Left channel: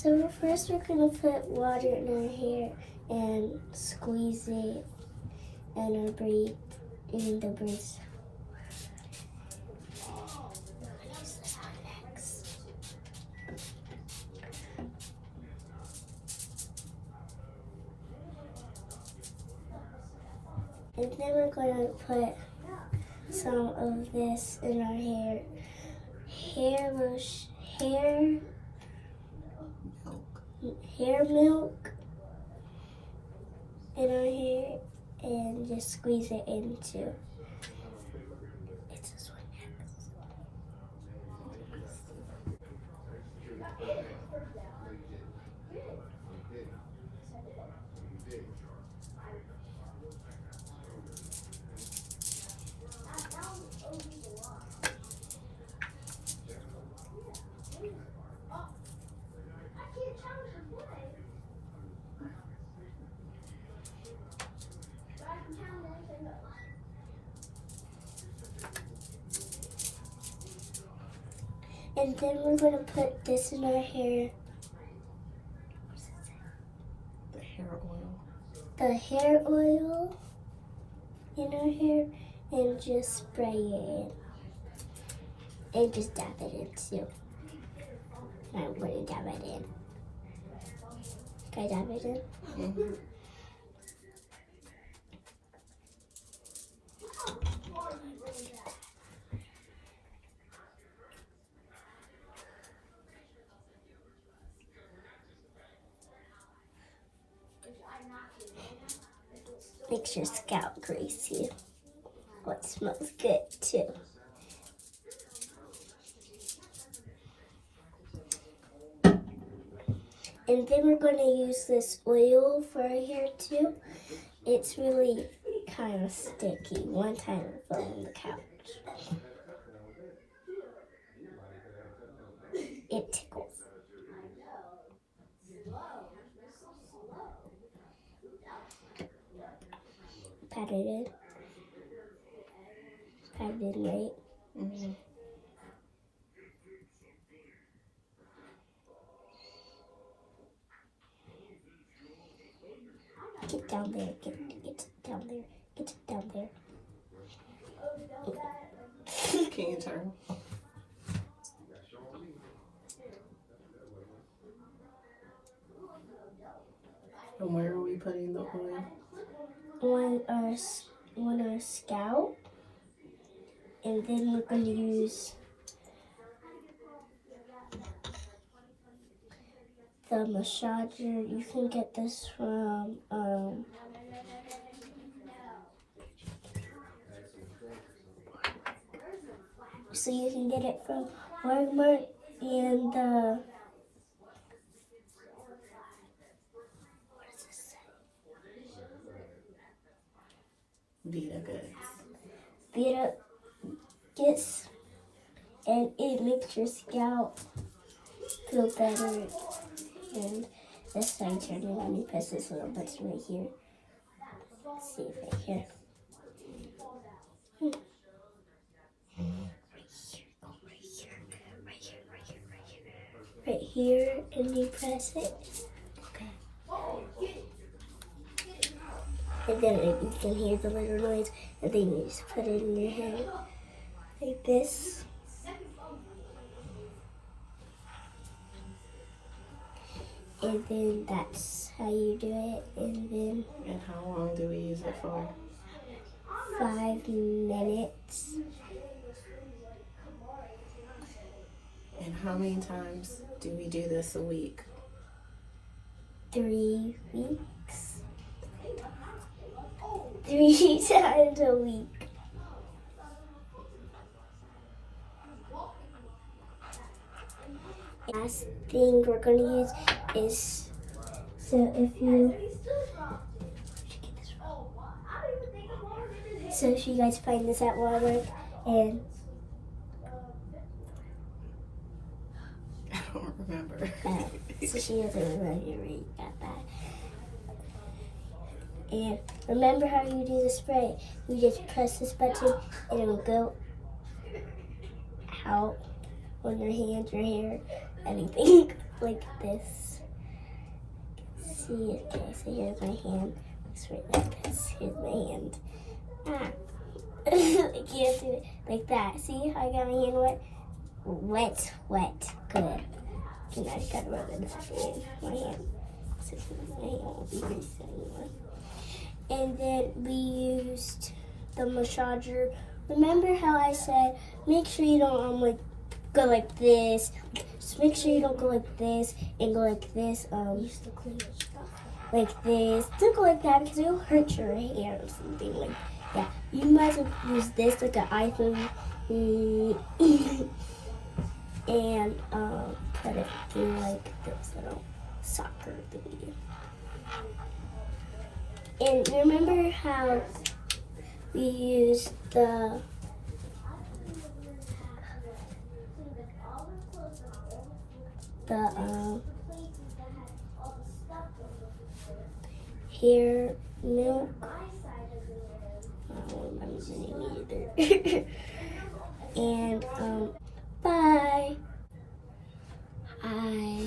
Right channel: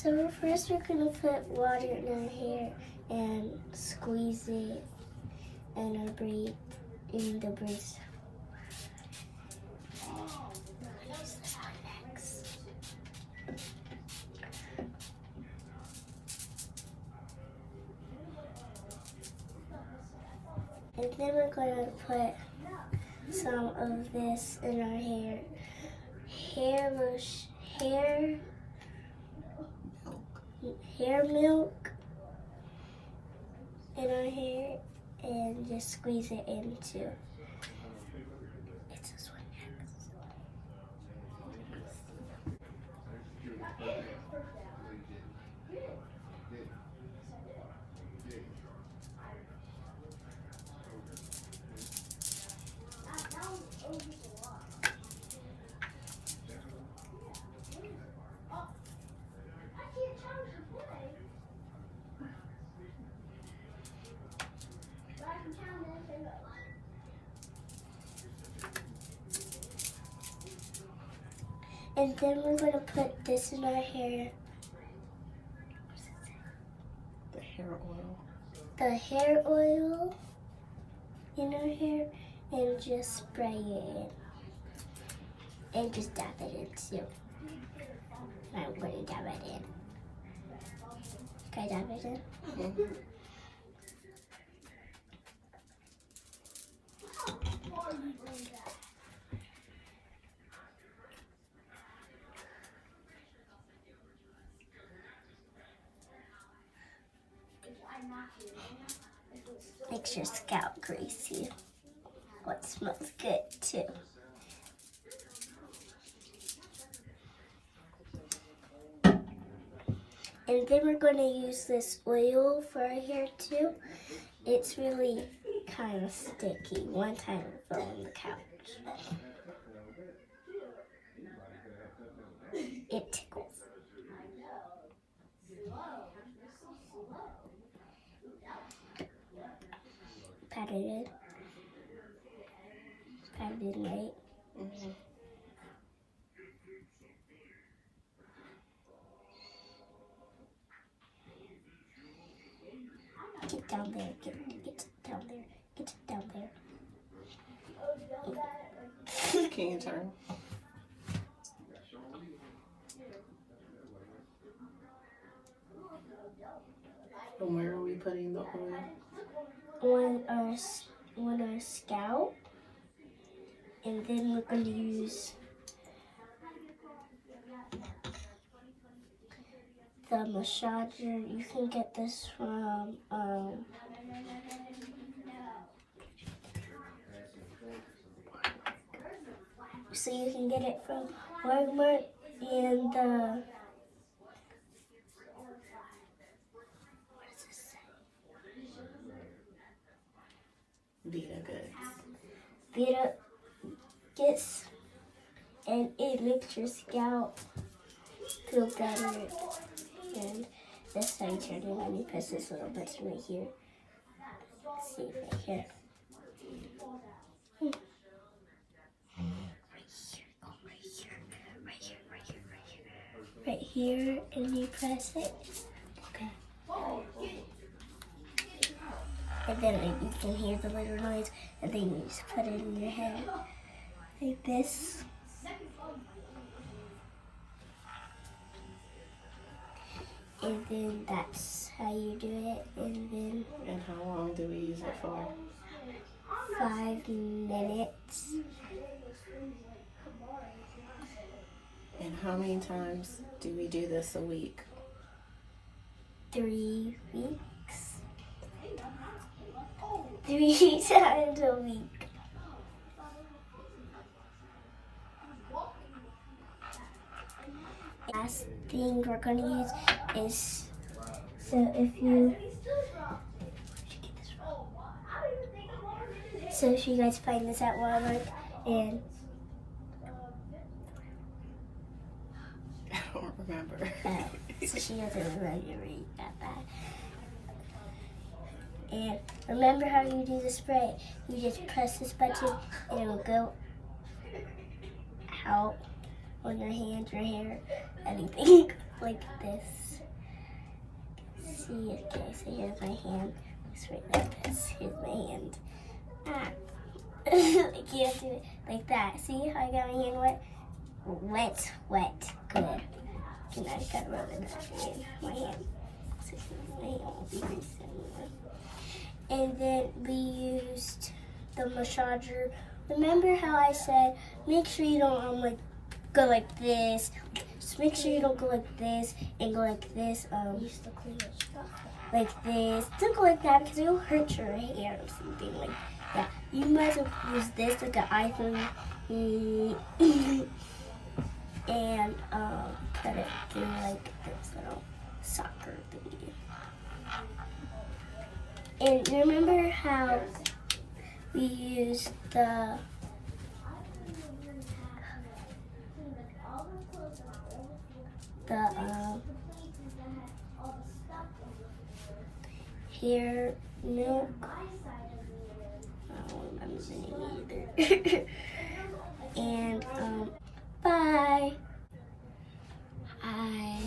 So first we're gonna put water in our hair and squeeze it in our braid, in the braids. Use this one next. And then we're gonna put some of this in our hair. Hair milk in our hair and just squeeze it into. It's this one next. And then we're going to put this in our hair. The hair oil. The hair oil in our hair and just spray it in. And just dab it in too. I want to dab it in. Can I dab it in? Mm-hmm. Makes your scalp greasy. What smells good too. And then we're going to use this oil for our hair too. It's really kind of sticky. One time I fell on the couch. It tickles. Pat it in. Pat it in right. Mm-hmm. Get down there. Get down there. Get down there. Can you turn? And where are we putting the oil? On our scalp, and then we're going to use the massager. You can get this from so you can get it from Walmart and what does this say? Vitagoods, and it makes your scalp feel better. And this side turning, let me press this little button right here. Let's see, right here. Right here, and you press it. Okay. And then you can hear the little noise, and then you just put it in your hair like this. And then that's how you do it. And how long do we use it for? 5 minutes. And how many times do we do this a week? 3 weeks. 3 times a week. Last thing we're going to use is, so if you guys find this at Walmart, and I don't remember. So she doesn't remember to read that. And remember how you do the spray? You just press this button and it'll go out on your hands, your hair, anything like this. see, okay, so here's my hand. It's right like this. Here's my hand. Ah. I can't do it like that. See how I got my hand wet? Wet, wet. Good. And I just gotta rub it back in my hand. So my hand won't be greasy anymore. And then we used the massager. Remember how I said, make sure you don't like go like this. Just make sure you don't go like this and go like this. Use the cleaner stuff. Like this. Don't go like that because it'll hurt your hair or something like that. You might as well use this like an iPhone and put it through like this little soccer thingy. And remember how we used the hair milk? I don't remember the name either. And bye. Bye.